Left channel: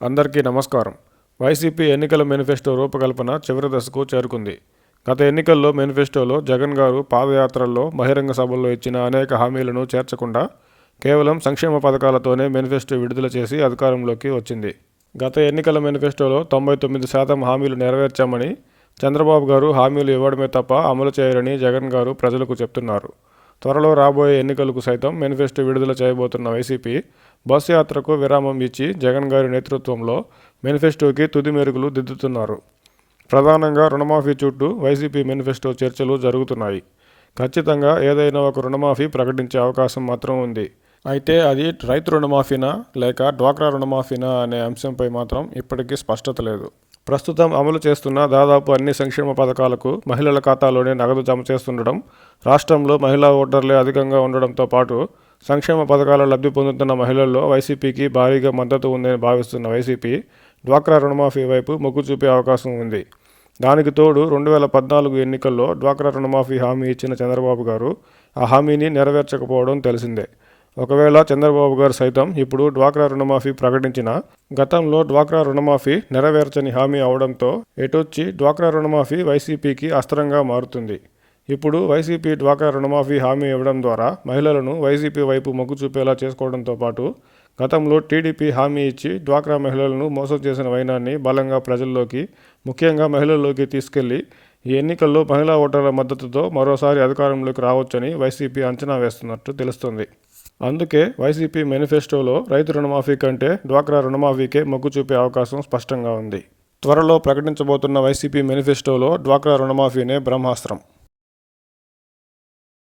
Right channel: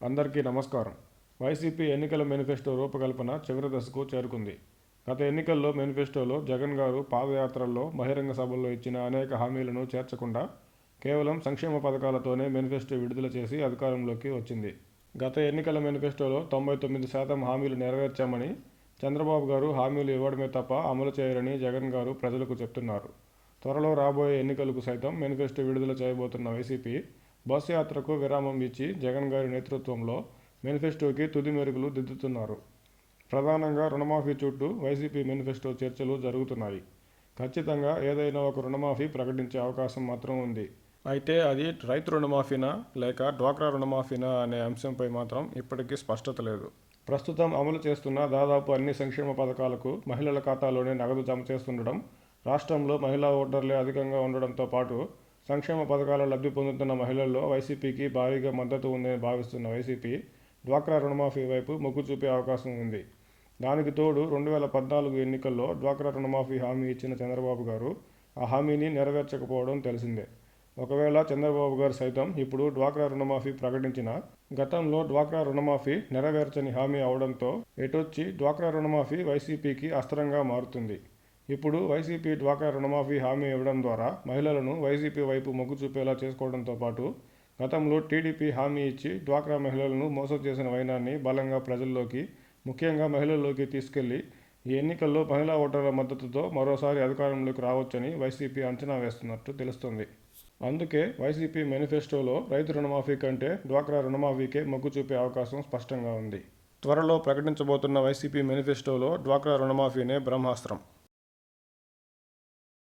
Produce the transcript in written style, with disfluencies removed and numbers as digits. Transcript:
అందరికీ నమస్కారం. వైసీపీ ఎన్నికల మేనిఫెస్టో రూపకల్పన చివరి దశకు చేరుకుంది. గత ఎన్నికల్లో మేనిఫెస్టోలో జగన్ గారు పాదయాత్రల్లో, బహిరంగ సభల్లో ఇచ్చిన అనేక హామీలను చేర్చకుండా కేవలం సంక్షేమ పథకాలతోనే మేనిఫెస్టో విడుదల చేసి అధికారంలోకి వచ్చింది. గత ఎన్నికల మేనిఫెస్టోలో 99% హామీలు నెరవేర్చామని చంద్రబాబు గారు హామీలు ఇవ్వడమే తప్ప అమలు చేయరని జగన్ గారు ప్రజలకు చెప్తున్నారు. త్వరలో రాబోయే ఎన్నికలకు సైతం మేనిఫెస్టో విడుదల చేయబోతున్న వైసీపీ బస్సు యాత్రకు విరామం ఇచ్చి జగన్ గారి నేతృత్వంలో మేనిఫెస్టోకి తుది మెరుగులు దిద్దుతున్నారు. ప్రధానంగా రుణమాఫీ చుట్టూ వైసీపీ మేనిఫెస్టో చర్చలు జరుగుతున్నాయి. ఖచ్చితంగా ఏదైనా ఒక రుణమాఫీ ప్రకటించే అవకాశం మాత్రం ఉంది. అయితే అది రైతు రుణమాఫీనా లేక డ్వాక్రా రుణమాఫీనా అనే అంశంపై మాత్రం ఇప్పటికీ స్పష్టత లేదు. ప్రస్తుతం అమలు చేస్తున్న దాదాపు అన్ని సంక్షేమ పథకాలకు మహిళల ఖాతాలోనే నగదు జమ చేస్తుండడం, రాష్ట్రంలో మహిళా ఓటర్లే అధికంగా ఉండడంతో పాటు సంక్షేమ పథకాల లబ్ధి పొందుతున్న మహిళల్లో వైసీపీకి భారీగా మద్దతు ఉందని భావిస్తున్న వైసీపీ డ్వాక్రా రుణమాఫీ వైపు మొగ్గు చూపే అవకాశం ఉంది. దానికి తోడు 2014 ఎన్నికల్లో డ్వాక్రా రుణమాఫీ హామీ ఇచ్చిన చంద్రబాబు గారు ఆ హామీని నెరవేర్చకపోవడం తెలిసిందే. ఒకవేళ చంద్రబాబు గారు సైతం ఇప్పుడు డ్వాక్రా రుణమాఫీ ప్రకటించినా గతంలో డ్వాక్రా రుణమాఫీ నెరవేర్చని హామీ అవడంతో ఎటొచ్చి డ్వాక్రా రుణమాఫీ వైసీపీకి అస్త్రంగా మారుతుంది. ఇప్పుడు వైసీపీ డ్వాక్రా రుణమాఫీ హామీ ఇవ్వడం ద్వారా మహిళలను వైసీపీ వైపు మొగ్గు చూపేలా చేసుకోవడంతో పాటు గతంలో టీడీపీ హామీ ఇచ్చి డ్వాక్రా మహిళలను మోసం చేసిన వైనాన్ని బలంగా ప్రజల్లోకి, ముఖ్యంగా మహిళల్లోకి తీసుకెళ్లి ఈ ఎన్నికల్లో మహిళా ఓటర్ల మద్దతుతో మరోసారి అధికారంలోకి రావచ్చని వైసీపీ అంచనా వేస్తున్నట్టు తెలుస్తుంది. అందుకే వైసీపీ మేనిఫెస్టోలో రైతు రుణమాఫీ కంటే డ్వాక్రా రుణమాఫీకే మొగ్గు చూపే అవకాశం స్పష్టంగా ఉంది. త్వరలో ప్రకటించబోతున్న వైసీపీ మేనిఫెస్టోలో డ్వాక్రా రుణమాఫీనే బ్రహ్మాస్త్రం.